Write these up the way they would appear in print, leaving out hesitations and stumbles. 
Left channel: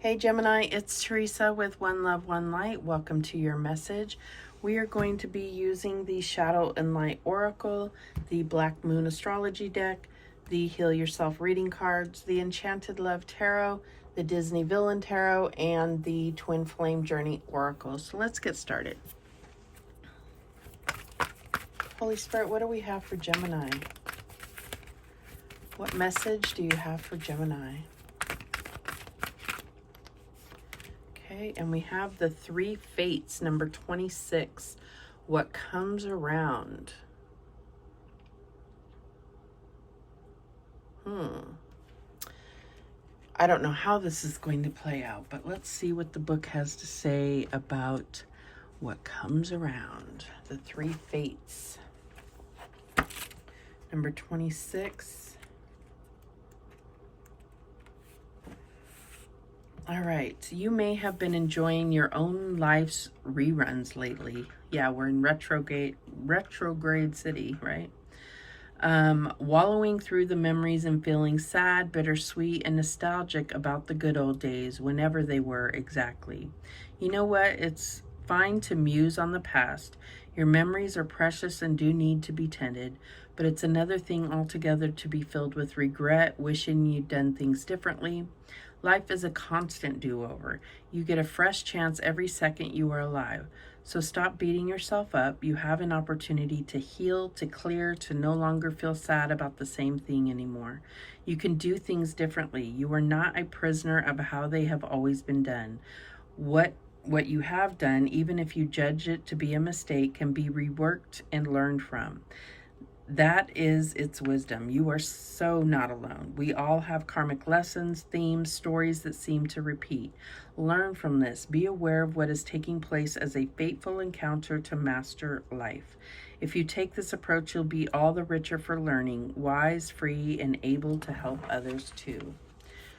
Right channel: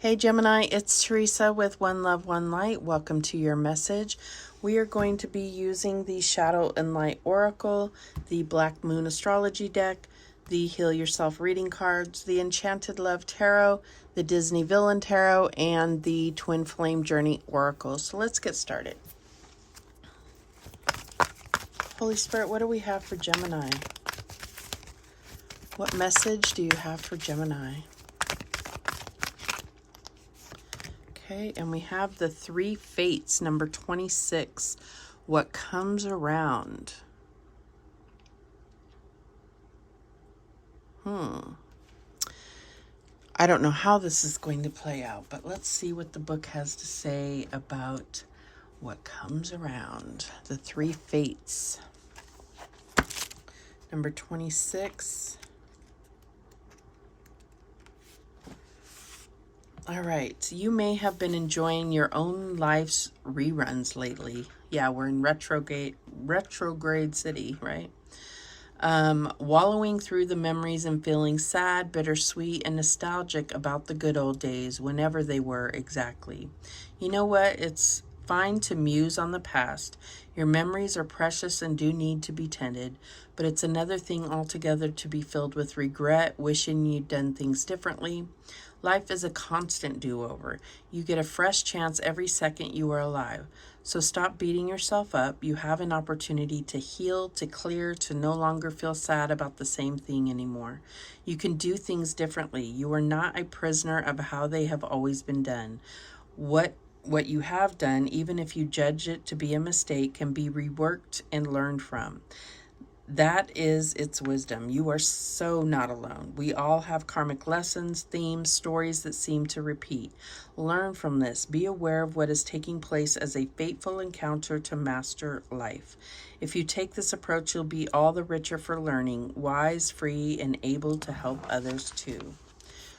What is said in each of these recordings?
Hey Gemini, it's Teresa with One Love, One Light. Welcome to your message. We are going to be using the Shadow and Light Oracle, the Black Moon Astrology deck, the Heal Yourself reading cards, the Enchanted Love Tarot, the Disney Villain Tarot, and the Twin Flame Journey Oracle. So let's get started. Holy Spirit, what do we have for Gemini? What message do you have for Gemini? Okay, and we have the Three Fates, number 26. What comes around? I don't know how this is going to play out, but let's see what the book has to say about what comes around. The Three Fates, number 26. All right, you may have been enjoying your own life's reruns lately. Yeah, we're in retrograde city, right? Wallowing through the memories and feeling sad, bittersweet, and nostalgic about the good old days, whenever they were exactly. You know what? It's fine to muse on the past. Your memories are precious and do need to be tended, but it's another thing altogether to be filled with regret, wishing you'd done things differently. Life is a constant do-over. You get a fresh chance every second you are alive. So stop beating yourself up. You have an opportunity to heal, to clear, to no longer feel sad about the same thing anymore. You can do things differently. You are not a prisoner of how they have always been done. What you have done, even if you judge it to be a mistake, can be reworked and learned from. That is its wisdom. You are so not alone. We all have karmic lessons, themes, stories that seem to repeat. Learn from this. Be aware of what is taking place as a fateful encounter to master life. If you take this approach, you'll be all the richer for learning, wise, free, and able to help others too.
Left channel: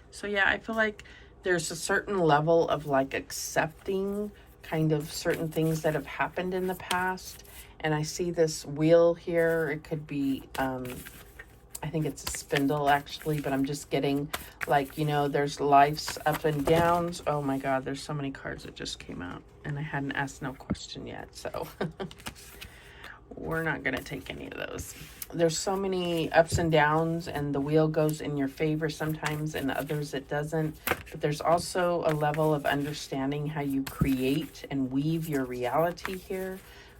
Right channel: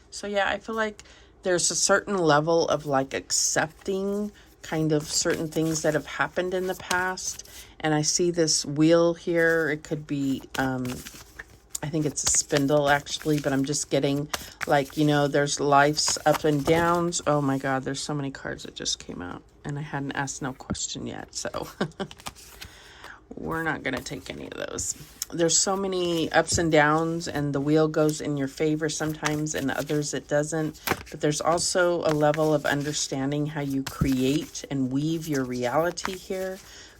So yeah, I feel like there's a certain level of like accepting kind of certain things that have happened in the past. And I see this wheel here. It could be, I think it's a spindle actually, but I'm just getting like, you know, there's life's up and downs. Oh my God, there's so many cards that just came out and I hadn't asked no question yet. So we're not going to take any of those. There's so many ups and downs, and the wheel goes in your favor sometimes and others it doesn't. But there's also a level of understanding how you create and weave your reality here.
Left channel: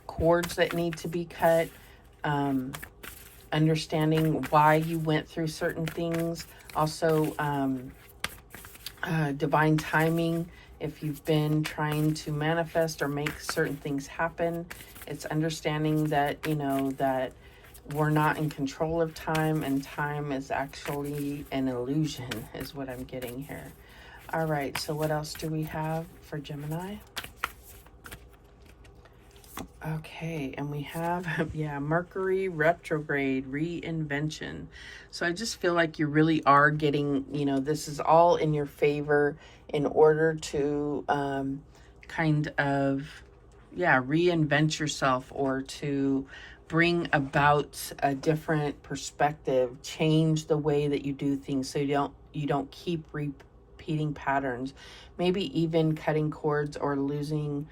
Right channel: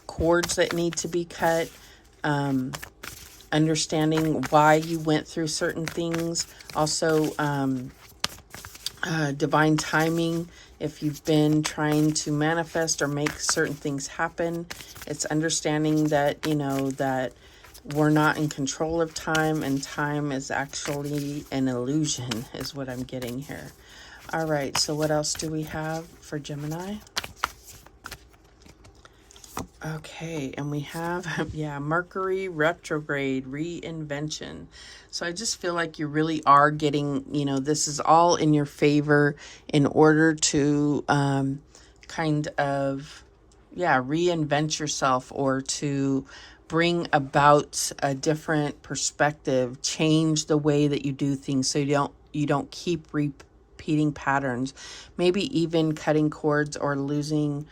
Cords that need to be cut, understanding why you went through certain things. Also, divine timing. If you've been trying to manifest or make certain things happen, it's understanding that, you know, that we're not in control of time, and time is actually an illusion, is what I'm getting here. All right, so what else do we have for Gemini? Okay, and we have, yeah, Mercury retrograde, reinvention. So I just feel like you really are getting, you know, this is all in your favor in order to kind of, yeah, reinvent yourself or to bring about a different perspective, change the way that you do things so you don't keep repeating patterns. Maybe even cutting cords or losing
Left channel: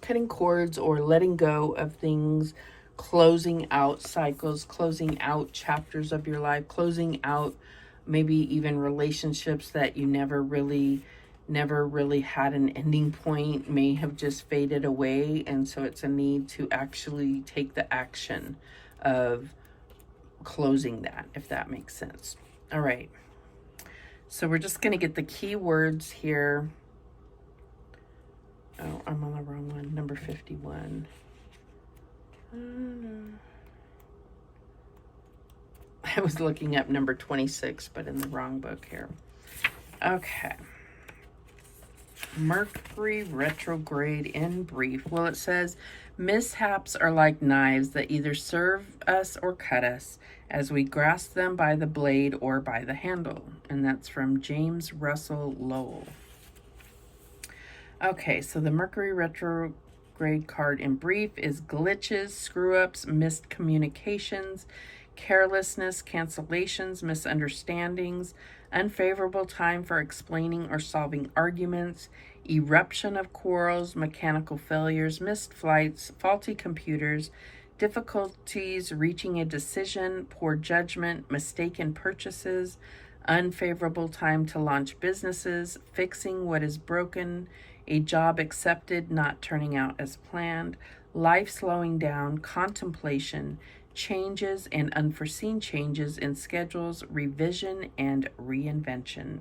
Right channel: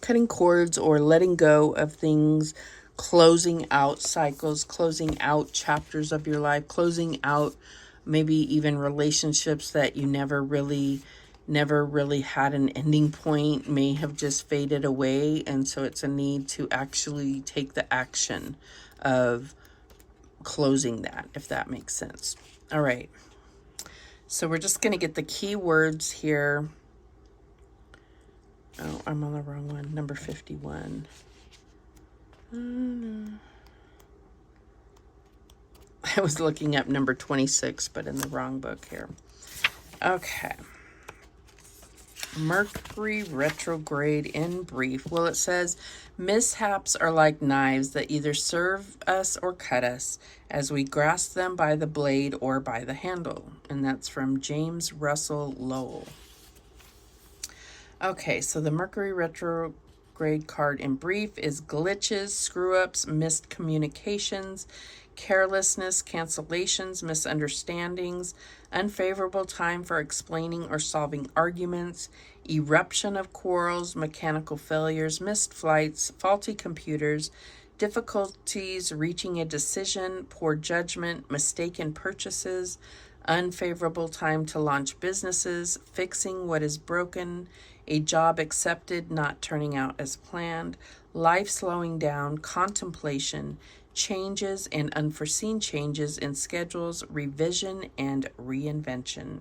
cutting cords or letting go of things, closing out cycles, closing out chapters of your life, closing out maybe even relationships that you never really had an ending point, may have just faded away. And so it's a need to actually take the action of closing that, if that makes sense. All right. So we're just going to get the key words here. Oh, I'm on the wrong one. Number 51. I was looking up number 26, but in the wrong book here. Okay. Mercury retrograde in brief. Well, it says, mishaps are like knives that either serve us or cut us as we grasp them by the blade or by the handle. And that's from James Russell Lowell. Okay, so the Mercury retrograde card in brief is glitches, screw-ups, missed communications, carelessness, cancellations, misunderstandings, unfavorable time for explaining or solving arguments, eruption of quarrels, mechanical failures, missed flights, faulty computers, difficulties reaching a decision, poor judgment, mistaken purchases, unfavorable time to launch businesses, fixing what is broken, a job accepted not turning out as planned, life slowing down, contemplation, changes and unforeseen changes in schedules, revision and reinvention.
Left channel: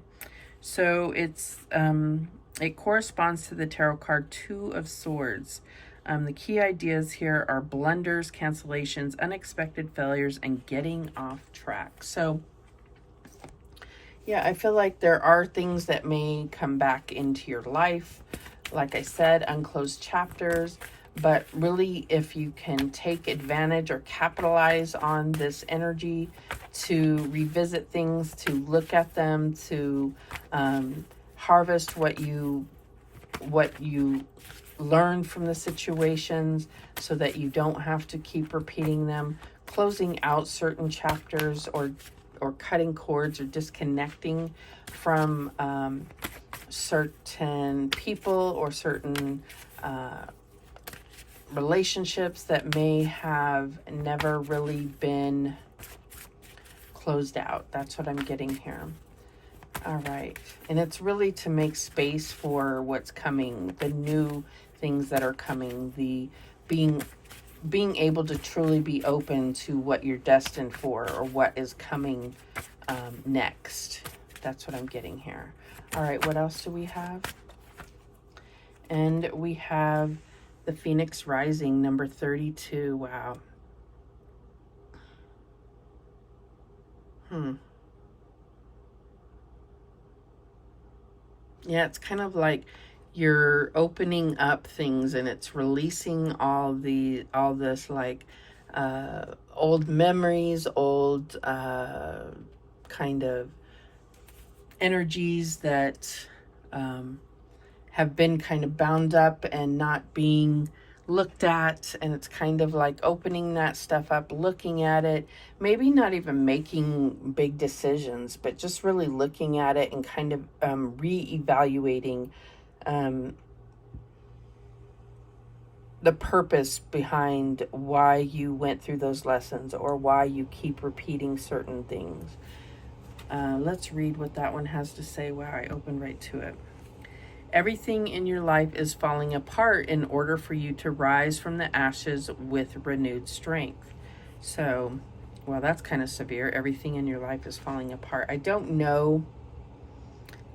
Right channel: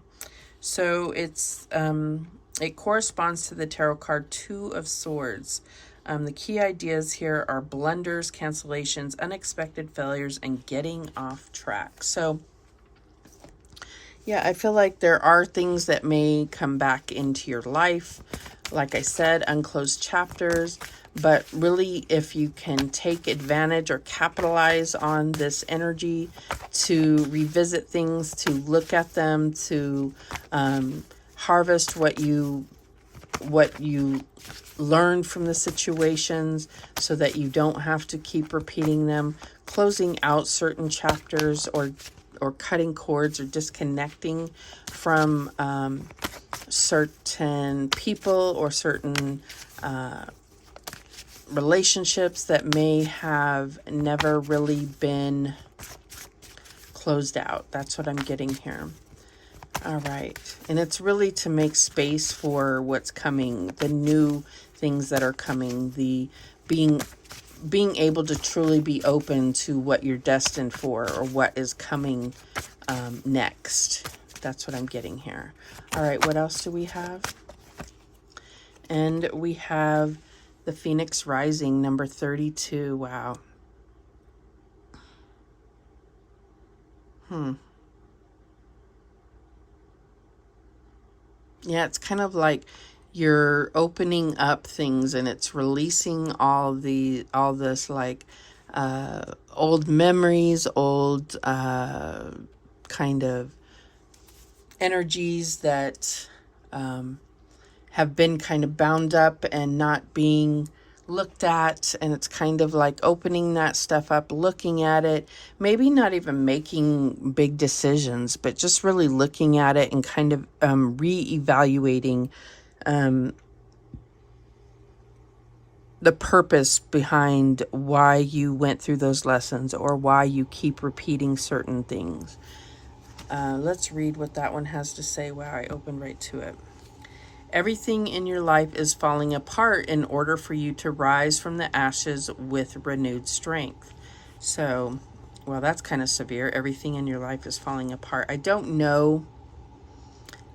So it corresponds to the tarot card Two of Swords. The key ideas here are blunders, cancellations, unexpected failures, and getting off track. So yeah, I feel like there are things that may come back into your life. Like I said, unclosed chapters. But really, if you can take advantage or capitalize on this energy to revisit things, to look at them, to harvest what you learned from the situations so that you don't have to keep repeating them, closing out certain chapters or cutting cords or disconnecting from certain people or certain relationships that may have never really been closed out. That's what I'm getting here. All right. And it's really to make space for what's coming, the new things that are coming, the being able to truly be open to what you're destined for or what is coming next. That's what I'm getting here. All right. What else do we have? And we have the Phoenix Rising, number 32. Wow. Yeah, it's kind of like you're opening up things and it's releasing all this like old memories, old kind of energies that have been kind of bound up and not being looked at, and it's kind of like opening that stuff up, looking at it, maybe not even making big decisions, but just really looking at it and kind of re-evaluating the purpose behind why you went through those lessons or why you keep repeating certain things. Let's read what that one has to say. Wow, I opened right to it. Everything in your life is falling apart in order for you to rise from the ashes with renewed strength. So, well, that's kind of severe. Everything in your life is falling apart. I don't know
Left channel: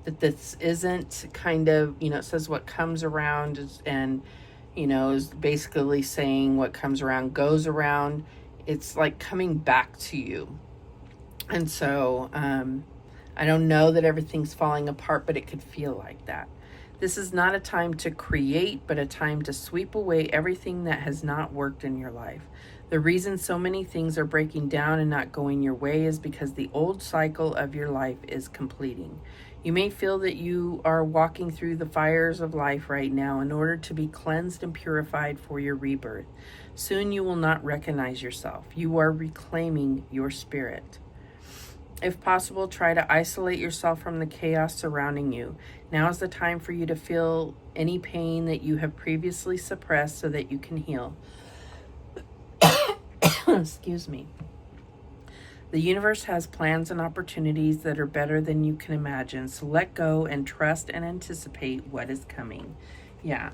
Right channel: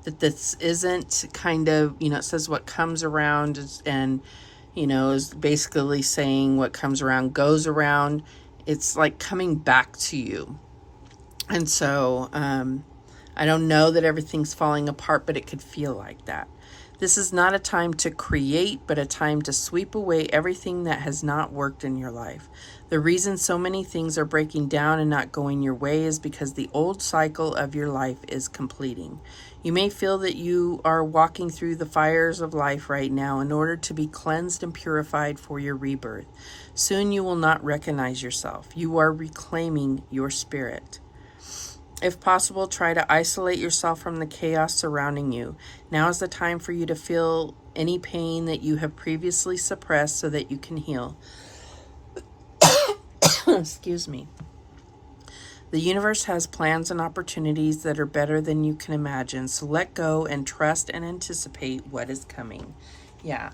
that this isn't kind of, it says what comes around and, is basically saying what comes around goes around. It's like coming back to you. And so, I don't know that everything's falling apart, but it could feel like that. This is not a time to create, but a time to sweep away everything that has not worked in your life. The reason so many things are breaking down and not going your way is because the old cycle of your life is completing. You may feel that you are walking through the fires of life right now in order to be cleansed and purified for your rebirth. Soon you will not recognize yourself. You are reclaiming your spirit. If possible, try to isolate yourself from the chaos surrounding you. Now is the time for you to feel any pain that you have previously suppressed so that you can heal. Excuse me. The universe has plans and opportunities that are better than you can imagine. So let go and trust and anticipate what is coming. Yeah.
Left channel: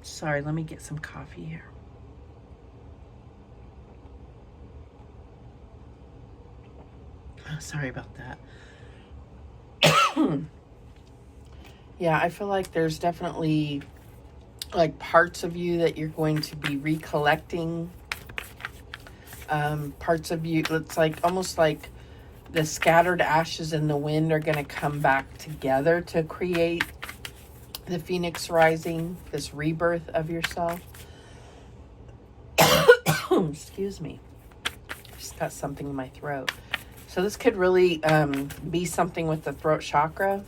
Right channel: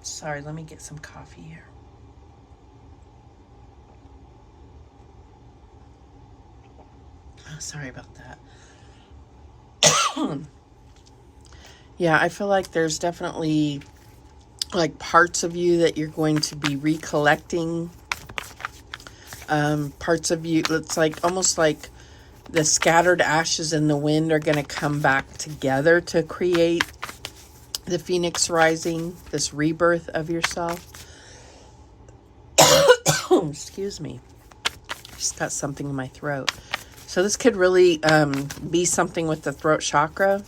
Sorry, let me get some coffee here. Oh, sorry about that. Yeah, I feel like there's definitely like parts of you that you're going to be recollecting. Parts of you, it's like almost like the scattered ashes in the wind are going to come back together to create the Phoenix Rising, this rebirth of yourself. Excuse me. Just got something in my throat. So this could really be something with the throat chakra.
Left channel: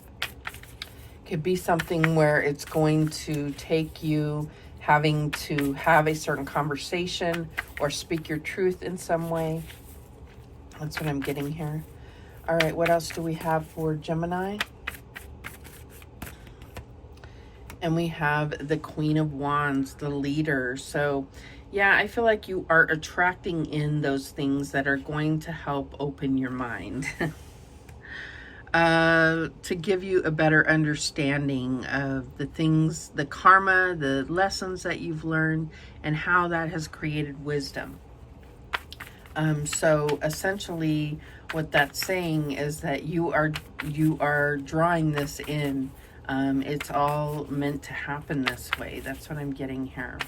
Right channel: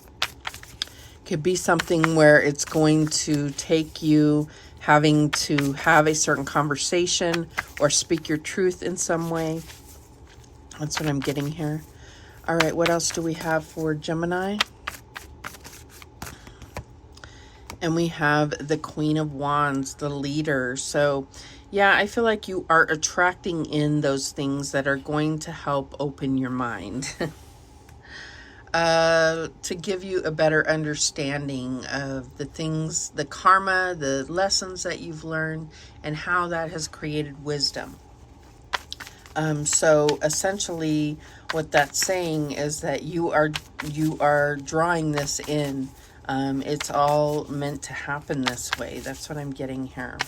Could be something where it's going to take you having to have a certain conversation or speak your truth in some way. That's what I'm getting here. All right, what else do we have for Gemini? And we have the Queen of Wands, the leader. So yeah, I feel like you are attracting in those things that are going to help open your mind. To give you a better understanding of the things, the karma, the lessons that you've learned, and how that has created wisdom. So essentially what that's saying is that you are drawing this in. It's all meant to happen this way. That's what I'm getting here.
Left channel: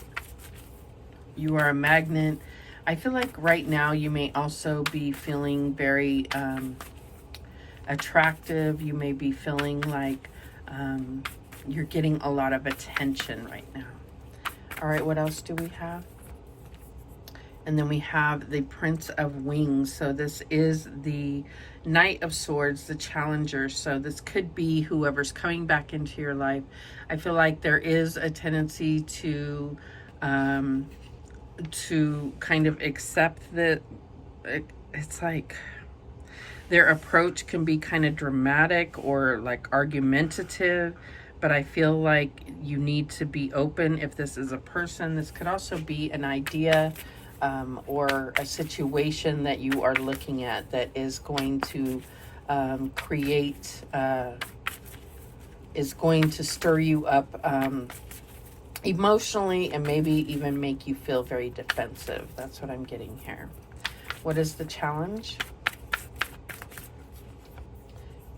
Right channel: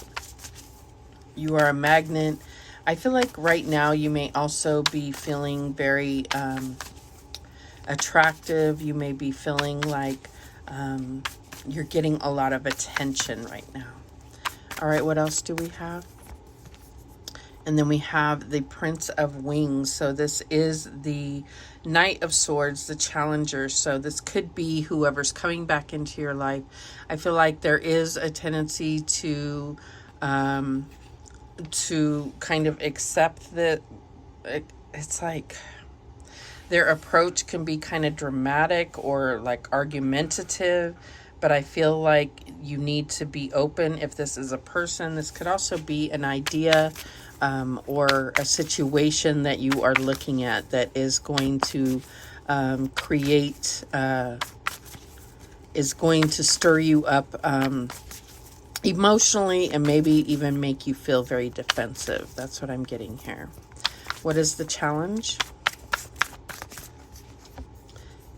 You are a magnet. I feel like right now you may also be feeling very attractive. You may be feeling like you're getting a lot of attention right now. All right, what else do we have? And then we have the Prince of Wings. So this is the Knight of Swords, the Challenger. So this could be whoever's coming back into your life. I feel like there is a tendency to kind of accept that it's like their approach can be kind of dramatic or like argumentative, but I feel like you need to be open. If this is a person, this could also be an idea or a situation that you are looking at that is going to create, is going to stir you up emotionally and maybe even make you feel very defensive. That's what I'm getting here. What is the challenge?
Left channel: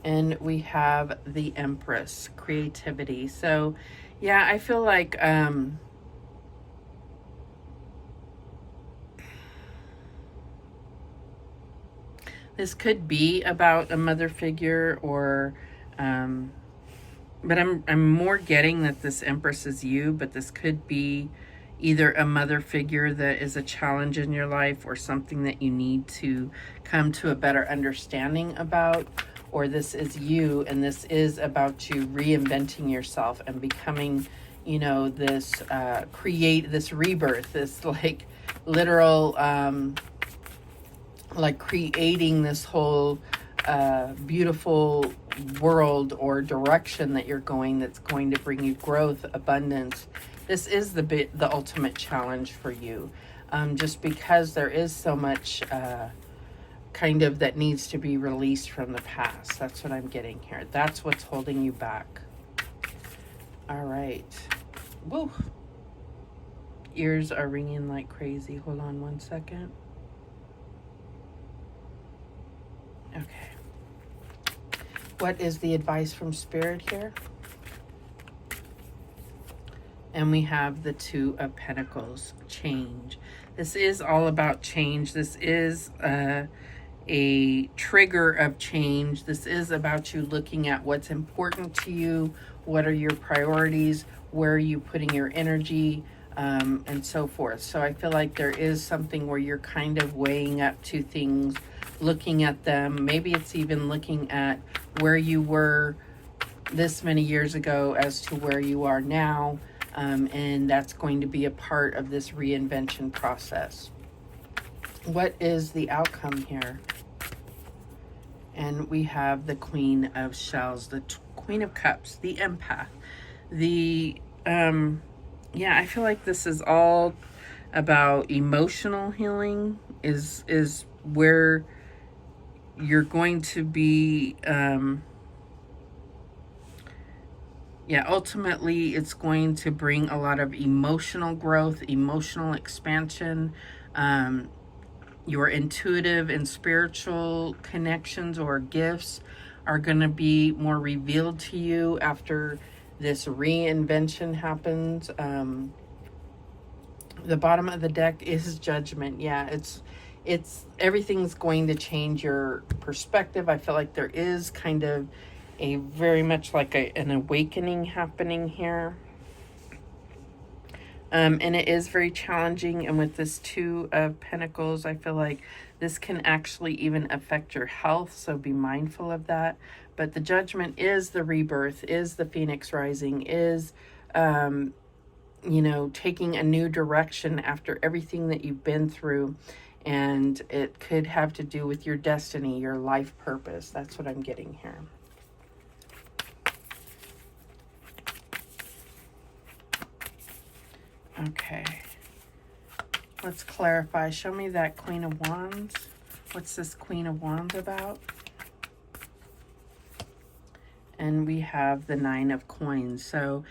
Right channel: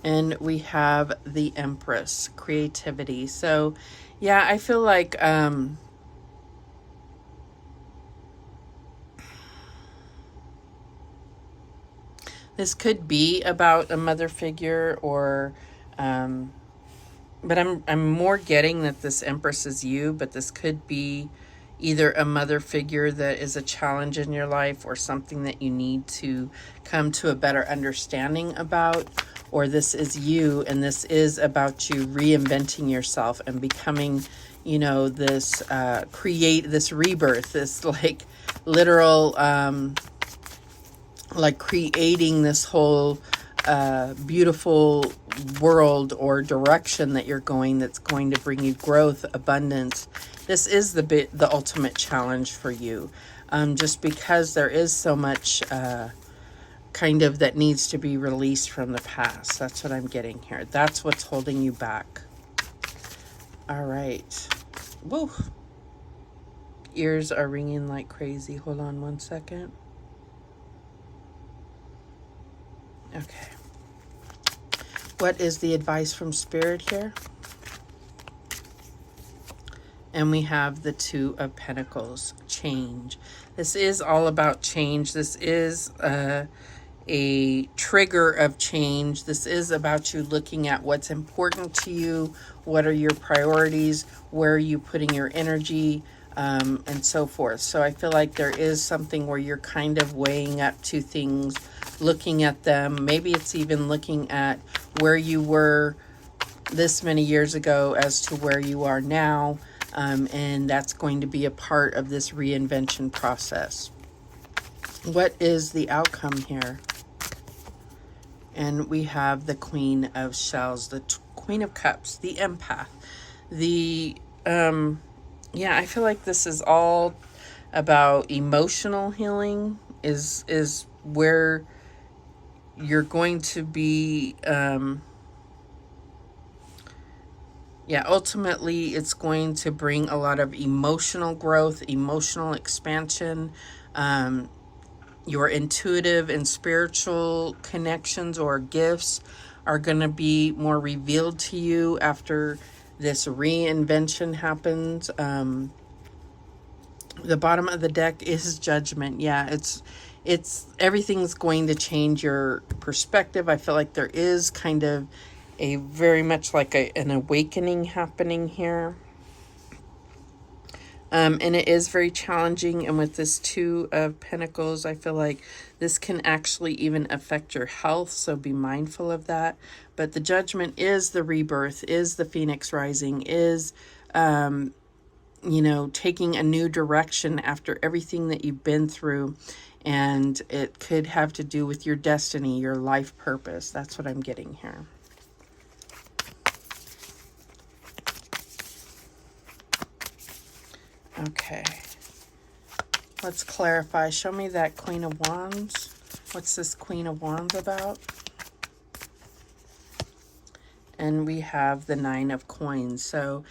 And we have the Empress, creativity. So yeah, I feel like this could be about a mother figure, or but I'm more getting that this Empress is you, but this could be either a mother figure that is a challenge in your life or something that you need to come to a better understanding about, or this is you and this is about you reinventing yourself and becoming, you know, this create this rebirth, this like literal like creating this whole beautiful world or direction that you're going, that's going to bring you growth, abundance. This is the ultimate challenge for you, just because there is so much kind of that needs to be released from the past. That's what I'm getting here. That's what's holding you back. All right. Woo. Ears are ringing like crazy. Hold on one second. Okay. What is the advice from Spirit here? And we have the Two of Pentacles, change. This is all about change. This is a trigger of change. This is about you looking at what's important to you, what are your priorities, where are you putting your energy, and so forth. So I feel like there is something where you're kind of weighing up two things, looking at them. Maybe it's even looking at where you were this many years ago as to where you are now, and that's going to be a part of this reinvention process. What is the outcome here? And we have the Queen of Shells, the Queen of Cups, the empath. The yeah, I feel like this is all about emotional healing, is where you're going to be yeah, ultimately it's going to bring a lot of emotional growth, emotional expansion. Your intuitive and spiritual connections or gifts are going to be more revealed to you after this reinvention happens. The bottom of the deck is Judgment. Yeah, it's everything's going to change your perspective. I feel like there is kind of a very much like an awakening happening here. And it is very challenging. And with this Two of Pentacles, I feel like this can actually even affect your health. So be mindful of that. But the Judgment is the rebirth, is the Phoenix rising, is you know, taking a new direction after everything that you've been through. And it could have to do with your destiny, your life purpose. That's what I'm getting here. Okay. Let's clarify. Show me that Queen of Wands. What's this Queen of Wands about? And we have the Nine of Coins. So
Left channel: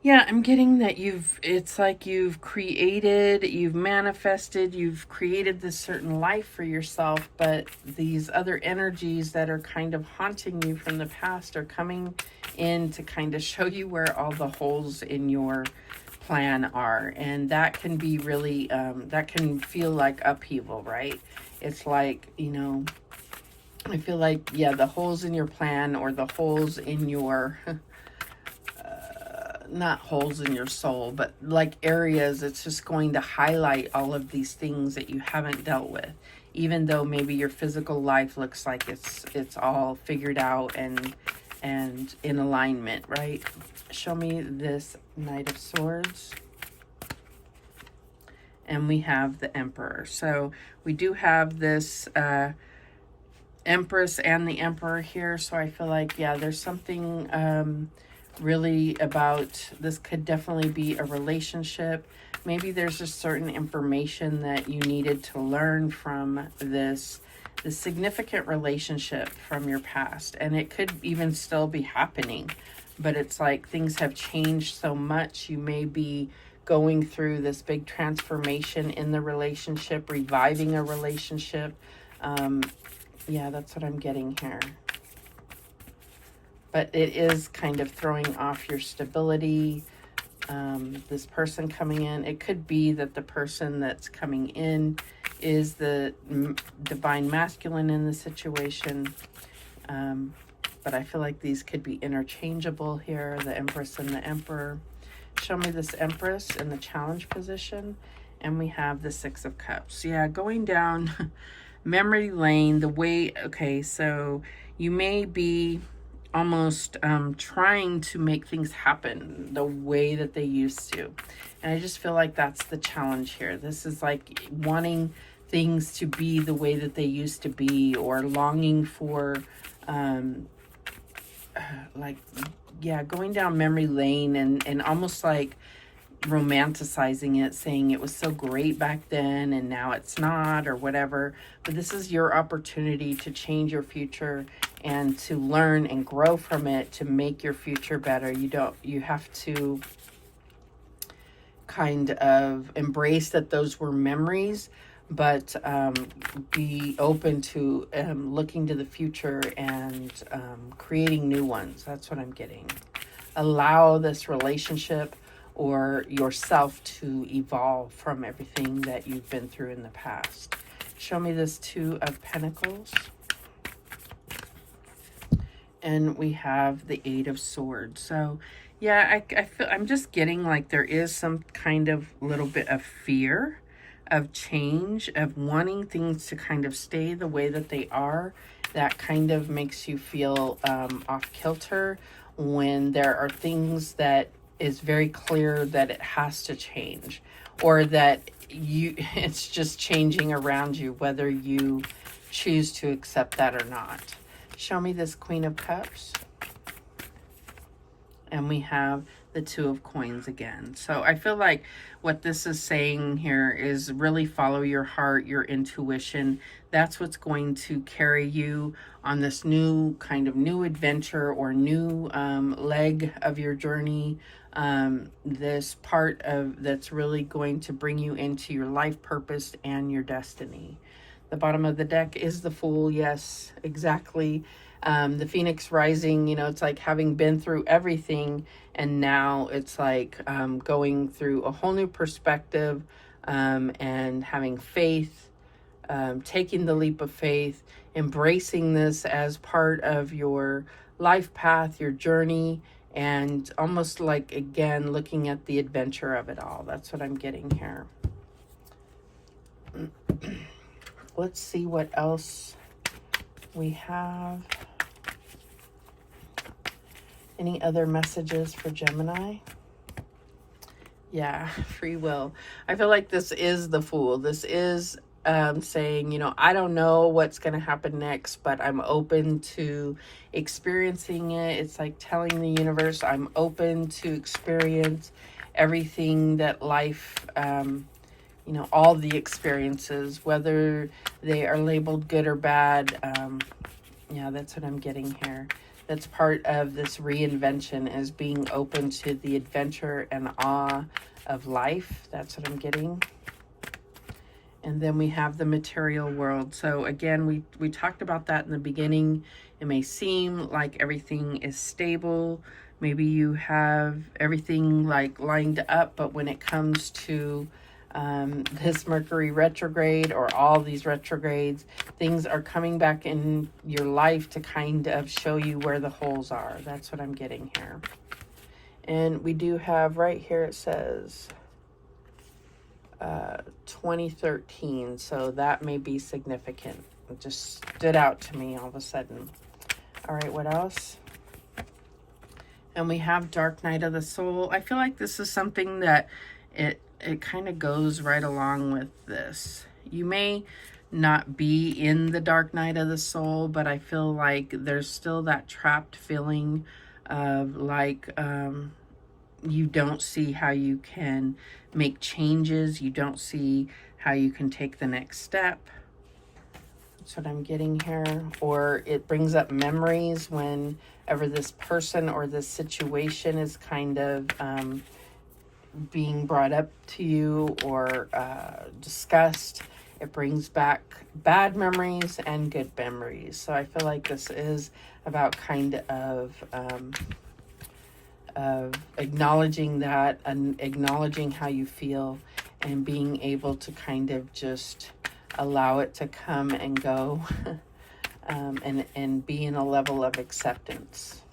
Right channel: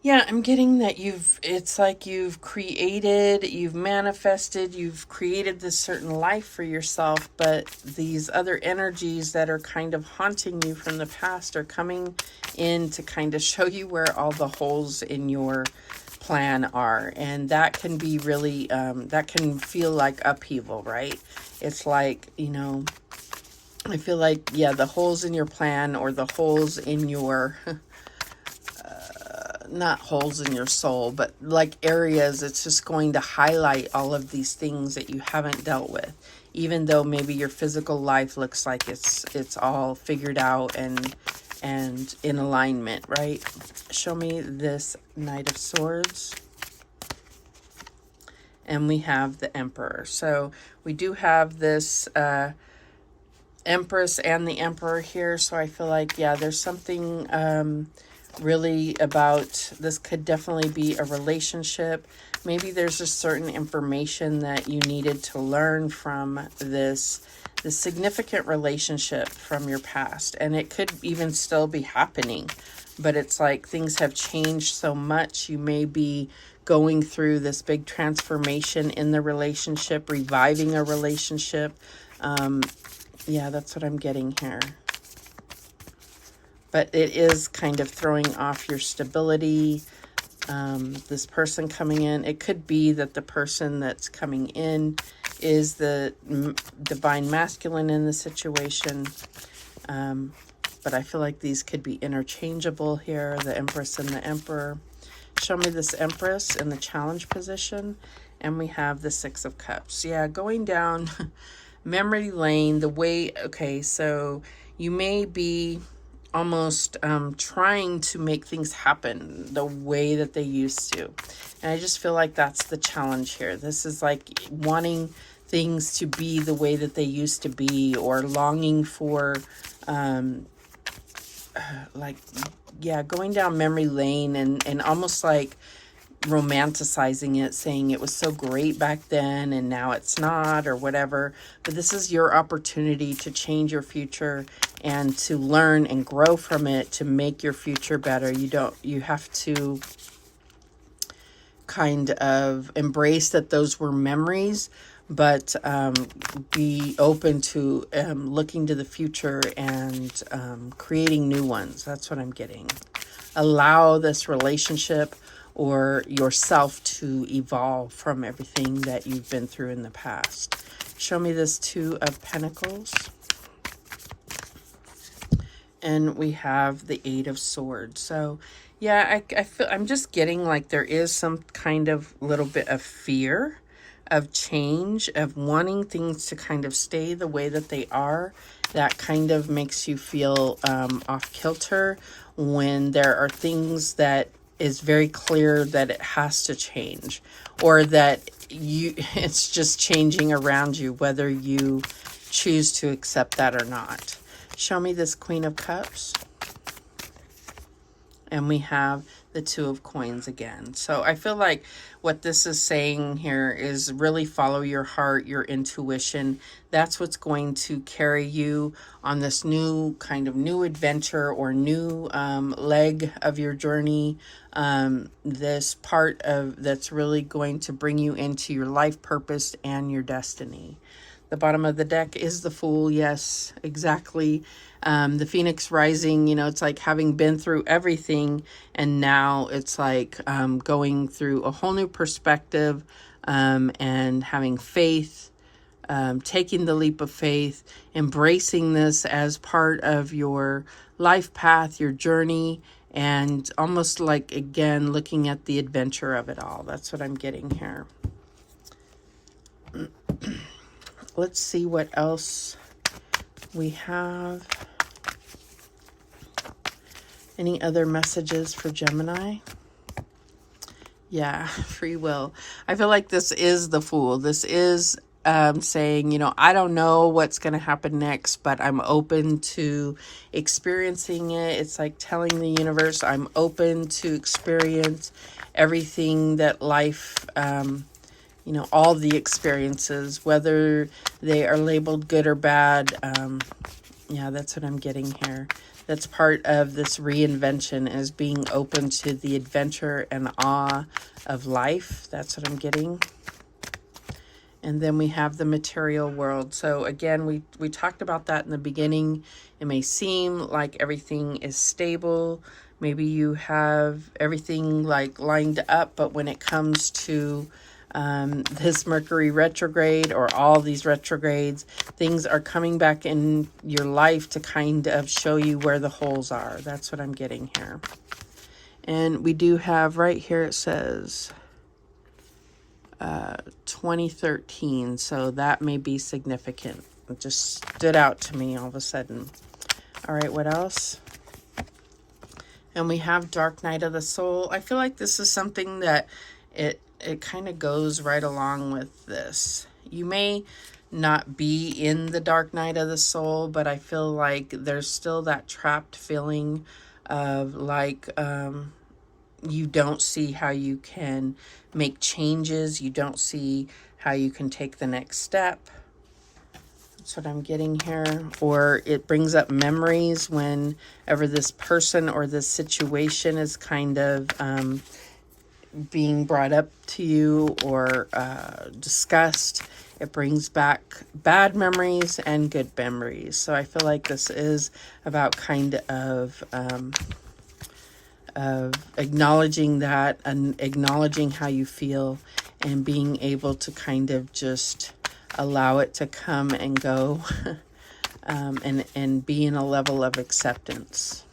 yeah, I'm getting that it's like you've created, you've manifested, you've created this certain life for yourself, but these other energies that are kind of haunting you from the past are coming in to kind of show you where all the holes in your plan are. And that can be really, that can feel like upheaval, right? It's like, you know, I feel like, yeah, the holes in your plan, or the holes in your... not holes in your soul, but like areas, it's just going to highlight all of these things that you haven't dealt with, even though maybe your physical life looks like it's all figured out and in alignment, right? Show me this Knight of Swords. And we have the Emperor. So we do have this Empress and the Emperor here. So I feel like, yeah, there's something really about this. Could definitely be a relationship. Maybe there's a certain information that you needed to learn from this significant relationship from your past, and it could even still be happening, but it's like things have changed so much. You may be going through this big transformation in the relationship, reviving a relationship. Yeah, that's what I'm getting here. But it is kind of throwing off your stability. This person coming in, it could be that the person that's coming in is the divine masculine in the situation. But I feel like these could be interchangeable here, the Empress and the Emperor. Show me this Empress in the challenge position. And we have the Six of Cups. Yeah, going down memory lane, the way, okay, so you may be almost trying to make things happen the way that they used to. And I just feel like that's the challenge here. This is like wanting things to be the way that they used to be, or longing for, like, yeah, going down memory lane and almost like romanticizing it, saying it was so great back then and now it's not, or whatever. But this is your opportunity to change your future and to learn and grow from it to make your future better. You have to kind of embrace that those were memories, but be open to looking to the future and creating new ones. That's what I'm getting. Allow this relationship or yourself to evolve from everything that you've been through in the past. Show me this Two of Pentacles. And we have the Eight of Swords. So yeah, I'm just getting like there is some kind of little bit of fear of change, of wanting things to kind of stay the way that they are. That kind of makes you feel off kilter when there are things that is very clear that it has to change, or that it's just changing around you, whether you choose to accept that or not. Show me this Queen of Cups. And we have the Two of Coins again. So I feel like what this is saying here is really follow your heart, your intuition. That's what's going to carry you on this new adventure or new leg of your journey. This part of that's really going to bring you into your life purpose and your destiny. The bottom of the deck is the Fool. Yes, exactly. The Phoenix rising, you know, it's like having been through everything, and now it's like going through a whole new perspective, and having faith, taking the leap of faith, embracing this as part of your life path, your journey, and almost like, again, looking at the adventure of it all. That's what I'm getting here. Let's see what else we have. Any other messages for Gemini? Yeah, free will. I feel like this is the Fool. This is saying, you know, I don't know what's going to happen next, but I'm open to experiencing it. It's like telling the universe I'm open to experience everything that life, you know, all the experiences, whether they are labeled good or bad. Yeah, that's what I'm getting here. That's part of this reinvention, is being open to the adventure and awe of life. That's what I'm getting. And then we have the material world. So again, we talked about that in the beginning. It may seem like everything is stable. Maybe you have everything like lined up, but when it comes to this Mercury retrograde or all these retrogrades, things are coming back in your life to kind of show you where the holes are. That's what I'm getting here. And we do have right here, it says 2013, so that may be significant. It just stood out to me all of a sudden. All right, what else? And we have Dark Night of the Soul. I feel like this is something that it kind of goes right along with this. You may not be in the dark night of the soul, but I feel like there's still that trapped feeling of like you don't see how you can make changes. You don't see how you can take the next step. That's what I'm getting here. Or it brings up memories whenever this person or this situation is kind of being brought up to you or discussed. It brings back bad memories and good memories. So I feel like this is about kind of acknowledging that and acknowledging how you feel and being able to kind of just allow it to come and go and be in a level of acceptance.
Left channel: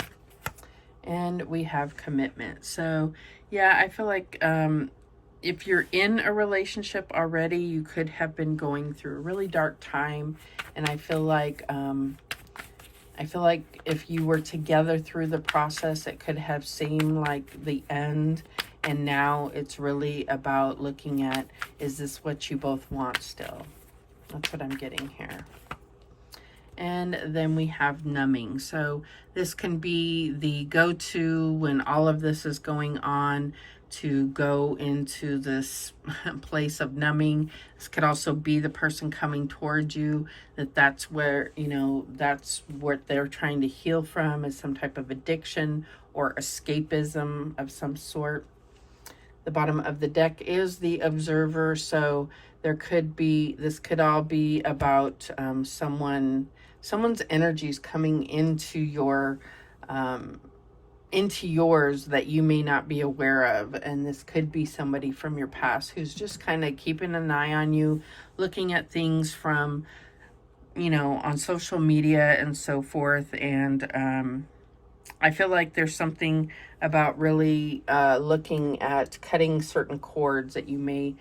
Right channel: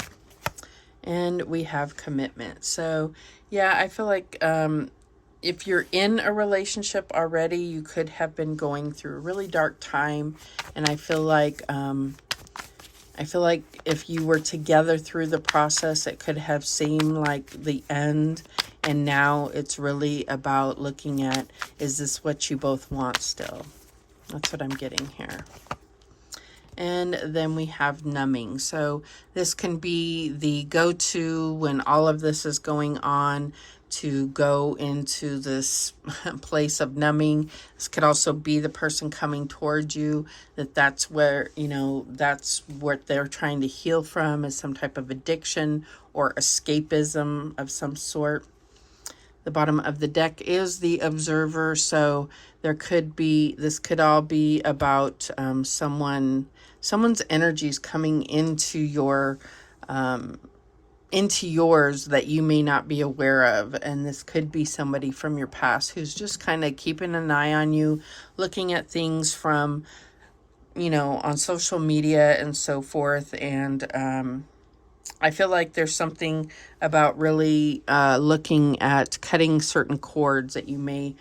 And we have commitment. So yeah, I feel like if you're in a relationship already, you could have been going through a really dark time. And I feel like if you were together through the process, it could have seemed like the end. And now it's really about looking at, is this what you both want still? That's what I'm getting here. And then we have numbing. So this can be the go-to when all of this is going on, to go into this place of numbing. This could also be the person coming towards you, that's where, you know, that's what they're trying to heal from, is some type of addiction or escapism of some sort. The bottom of the deck is the Observer. So there could be, this could all be about someone's energies coming into your into yours that you may not be aware of. And this could be somebody from your past who's just kind of keeping an eye on you, looking at things from, you know, on social media and so forth. And I feel like there's something about really looking at cutting certain cords that you may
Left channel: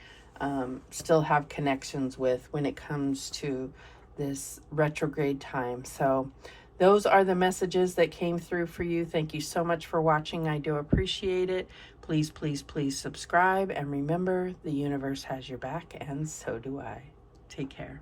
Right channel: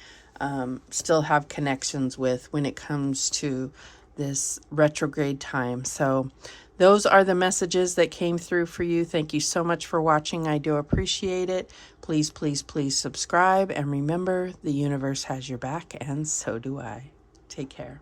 still have connections with when it comes to this retrograde time. So those are the messages that came through for you. Thank you so much for watching. I do appreciate it. Please, please, please subscribe. And remember, the universe has your back, and so do I. Take care.